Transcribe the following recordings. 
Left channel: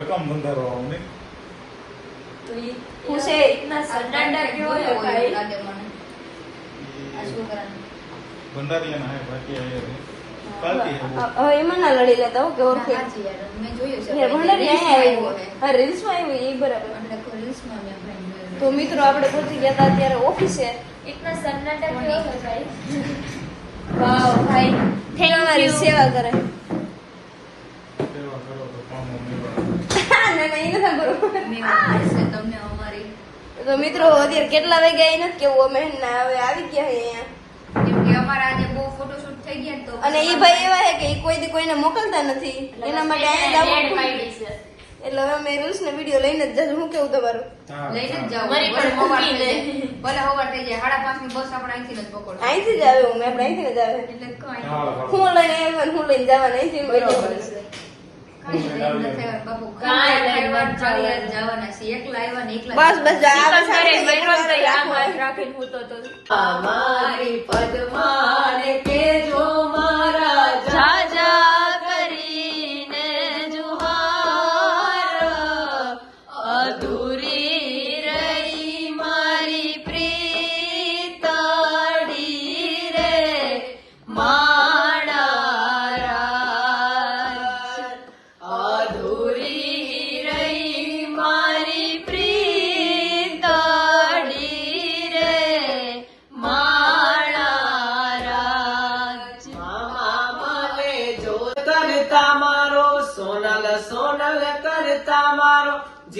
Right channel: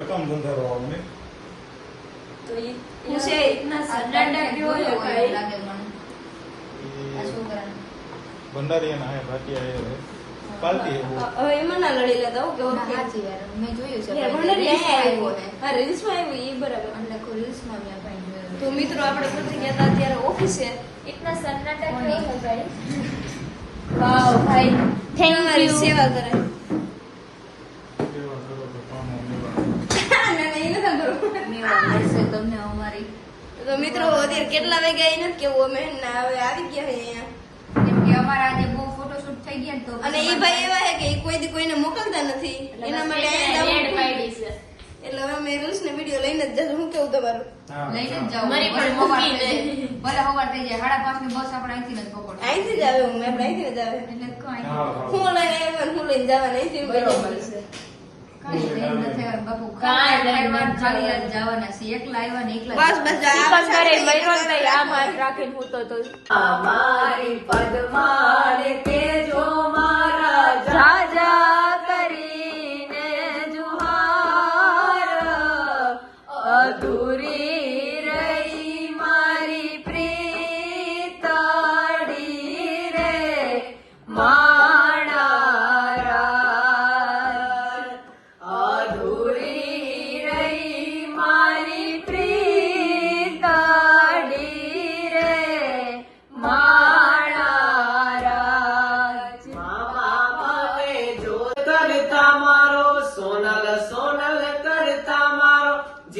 કામ ધંધા તો સન્નાટા કેવો લાગે મને. આ છોકરાને. બંધારિયા હે ભાટિયા એ ચાલતી એવું એમાં ના લડી લેતા હું કે મેં જોયું છે. ભંડારી અહીંયા રીલ્સમાં આવ્યું હા રીલ્સમાં આવ્યું એ બરાબર. એટલે રીલ્સમાં મેં તો મિત્રો આપણે પહોંચી ગયા હતા ત્યારે ઓફિસે ઇતના સન્નાટા કેવો ભાઈ? વાવ ભાઈ. Thank you. સેવા કરે. સેવા કરો તો કામો ના ના નથી તમને અમારી. તો મિત્રો અત્યારે કેટલા વાગ્યા એ નથી કેવું? અમે ના હવે આવી ગયા અહીંયા. અમારા આજે બહુ ફોટોશૂટ થઈ ગયા ને તો અને એ ભાઈ એવા છે કે કોઈ દી કોઈને મોકલતા નથી. એના માટે. એટલે હવે મેં રૂલ્સ ને વીડિયો લઈને જ હું કેવું તમારું? લઈને જ જાઉં મારી પણ જાય. ભલે હોવા થઈ જાય. સાડા પાંચની બસ આપણે અહીંથી જ પકડ અહીંથી જ આવે હું મેં અહીંથી જ આવે. એટલે. હું લઈને એમ હું લઈને જવાનું અહીંથી બરોબર. બસ બસ. અમારી પદ્માન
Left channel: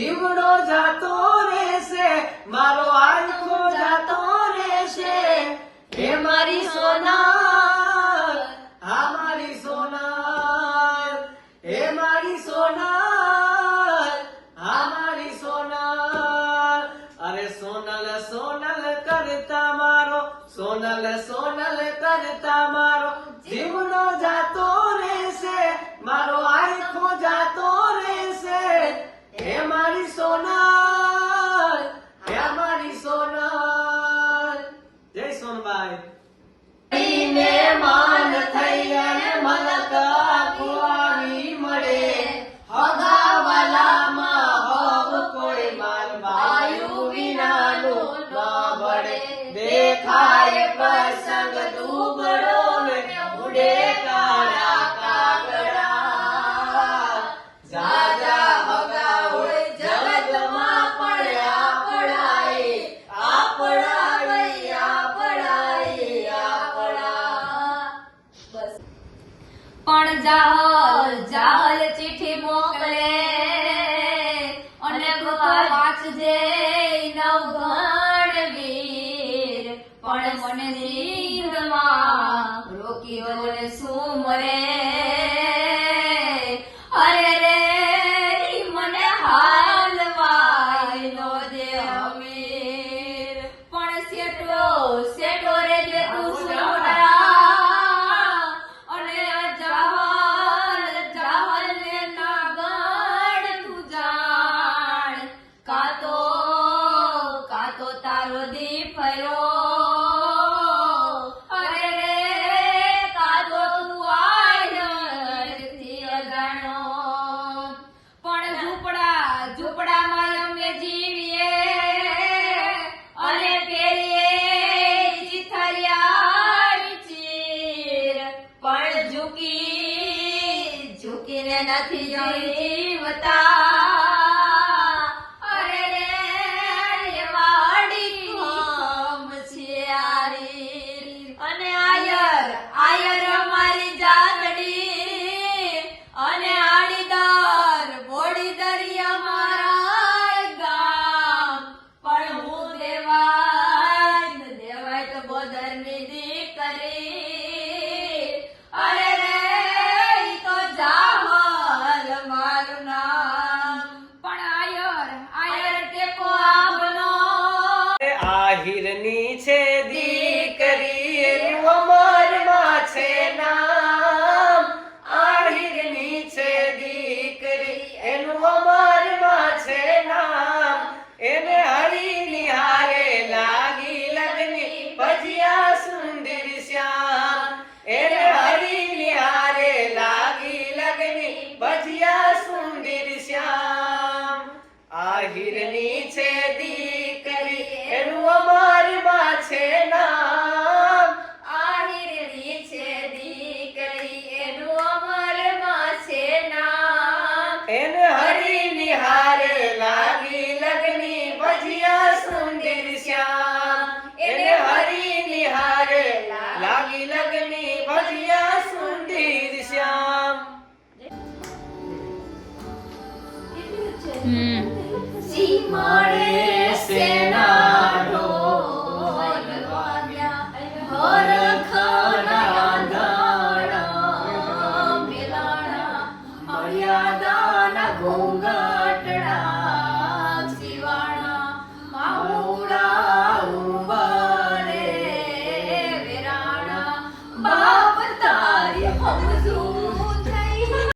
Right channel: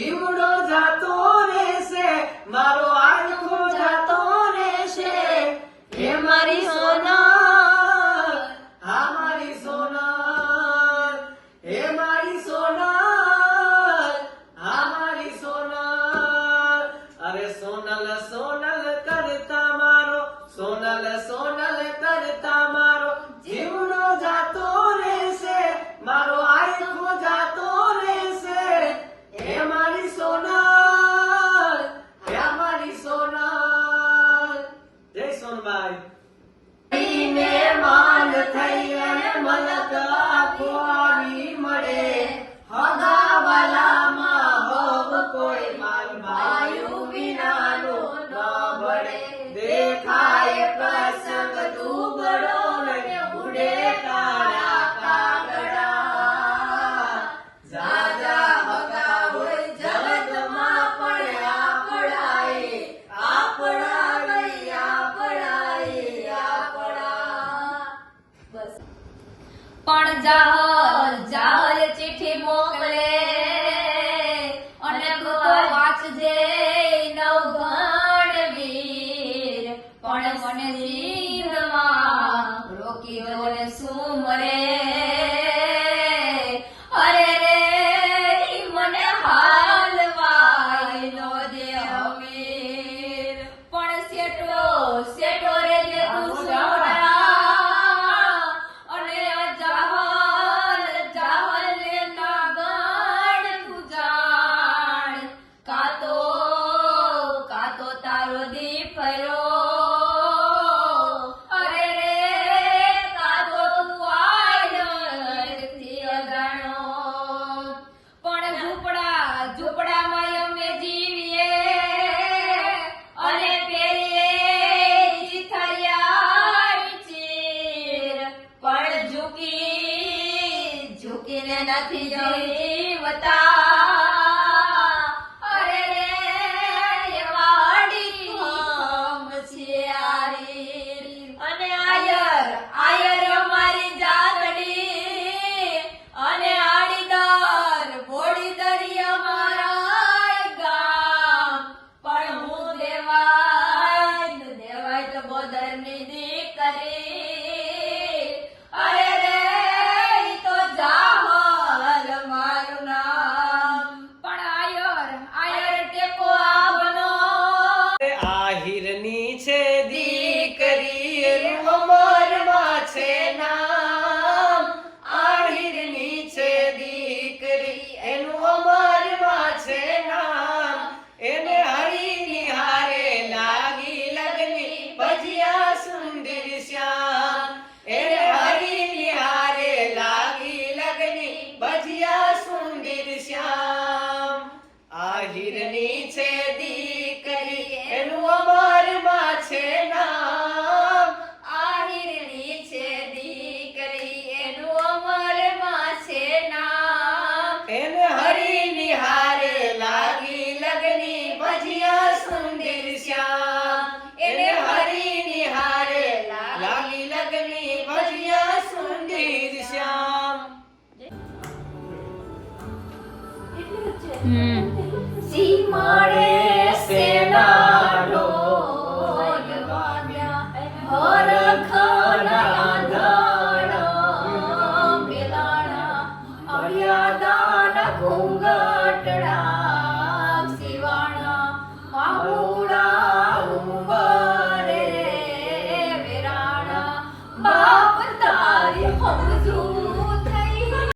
જીવડો જાતો રહેશે, મારો આંખો જાતો રહેશે. હે મારી સોના હા મારી સોના હે મારી સોના હા મારી સોના અરે સોનલ સોનલ. પણ મોકલે. અને વાંચજે નવઘણ વીર. પણ મને જીવમાં રોકી મને શું મરે ઝૂંપડામાં અમે જીવીએ. અને પેલીએ ચીથરિયા પણ ઝૂકી ઝૂકીને નથી જીવતા. સુંદરી શ્યામ એને હરી નિહારે લાગી લગની ભજિયા સુંદર શ્યામ આ હિરની છે દીકરી એનું અમારમાં છે નામ. આ હિરની છે દીકરી એનું અમારમાં છે નામ. એને હરી નિહારે લાગી લગની ભજિયા સુંદર શ્યામ Mm.